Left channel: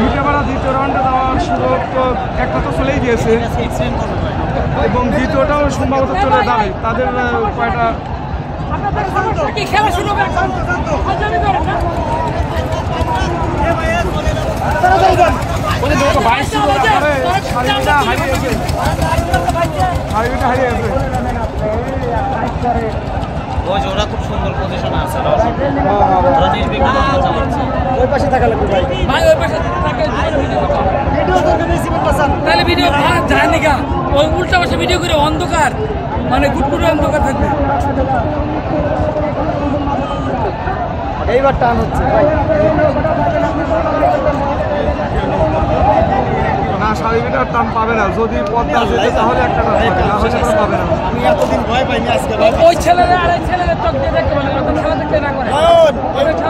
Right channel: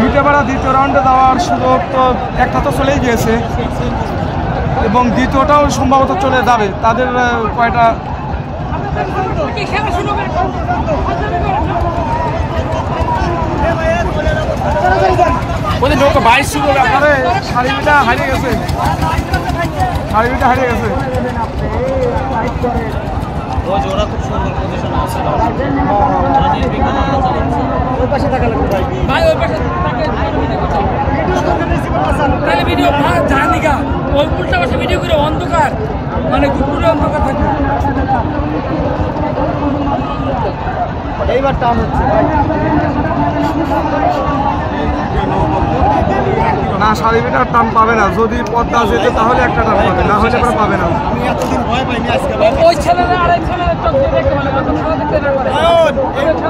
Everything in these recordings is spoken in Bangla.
ভিটেপাড়া দ্বিতীয় রাউন্ডে যাওয়ার সুযোগ তো একটা তো চলেই গিয়েছে এবং দ্বিতীয়টাও সম্ভবত চলে যাবে। তাদের কয়টা হারিয়ে গেছে, হারিয়ে গেছে। ওই যে ওরা খুব সুন্দর পজিশনে আছে, ওরা নির্বিঘ্নে চালাচ্ছে। ওই পাশে থাকলে ভাই, ওই পাশে থাকে ভিডিও জানি গা, ওই উল্টা পাশে ভিডিও করে অন্ধকার, মানে গুটগুলো অন্ধকার থাকবে। এইবার টান হচ্ছে ভাই না, সারিবিটার টান পাবে না। যদি পদ্মা আছে তাহলে একটা টান পাবে, না হলে পাবে না। আমি এতদিন ভয় পাইনি, আজকে ওই ছেলেরা আর এই ছেলেরা চোখ দিয়ে দেখতে মানে ওদের খেলা দেখতে না করে।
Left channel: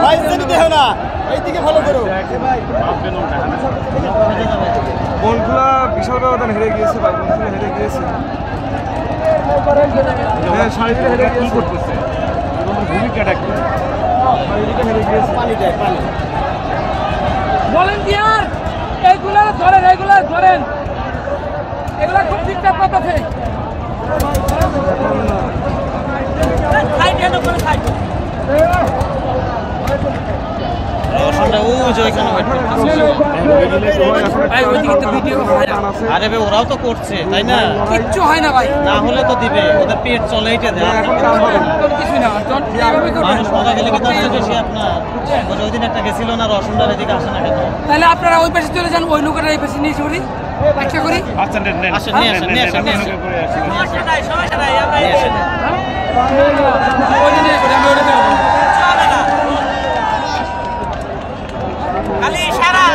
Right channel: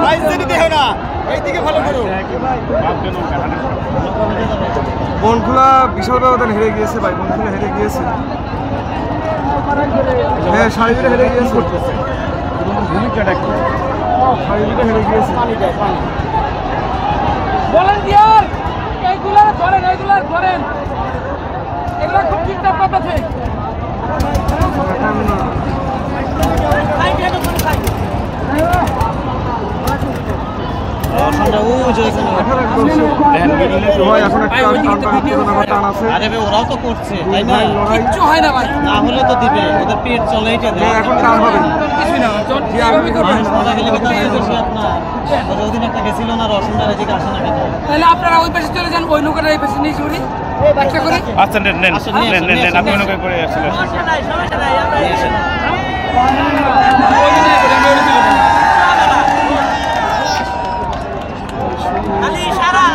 ভাই যদি দেখো না, এইদিকে ভালো করো। বনখোলা বিশাল ব্যবধান হেরে গিয়েছে ভাই, বনখোলা হেরে গিয়েছে। হ্যাঁ, সারিবিটা হেরে গিয়েছে। ভূমিকাটা কি? সারিবিটা হেরে গিয়েছে। পানি দেয়, পানি। ভলান্টিয়ার এগুলা ধরেন, এগুলা ধরেন, এগুলা খুব ডিস্টার্ব করতেছে। আরে ভাই, ওরাও তো করছে তাই না, কিচ্ছু হয় না ভাই। না হলে তো দিবে, ওদের পেট চলে, এটা দেয় কিছুই না। মারা গেলে আপনার ওই দিন একটা গেছিল না, রসুনটার এদিকে আসে না কেন? তাহলে আপনারা ওই পাশে চলে যান, ওই লোকেরা এই পাশে নিয়ে চুরি একটা করি। আচ্ছা নেন নেন, সমস্যা নাই, সমস্যা নাই, আমরা ওই দিনে করি, আমি ওই দিনে চলে না খালি সারা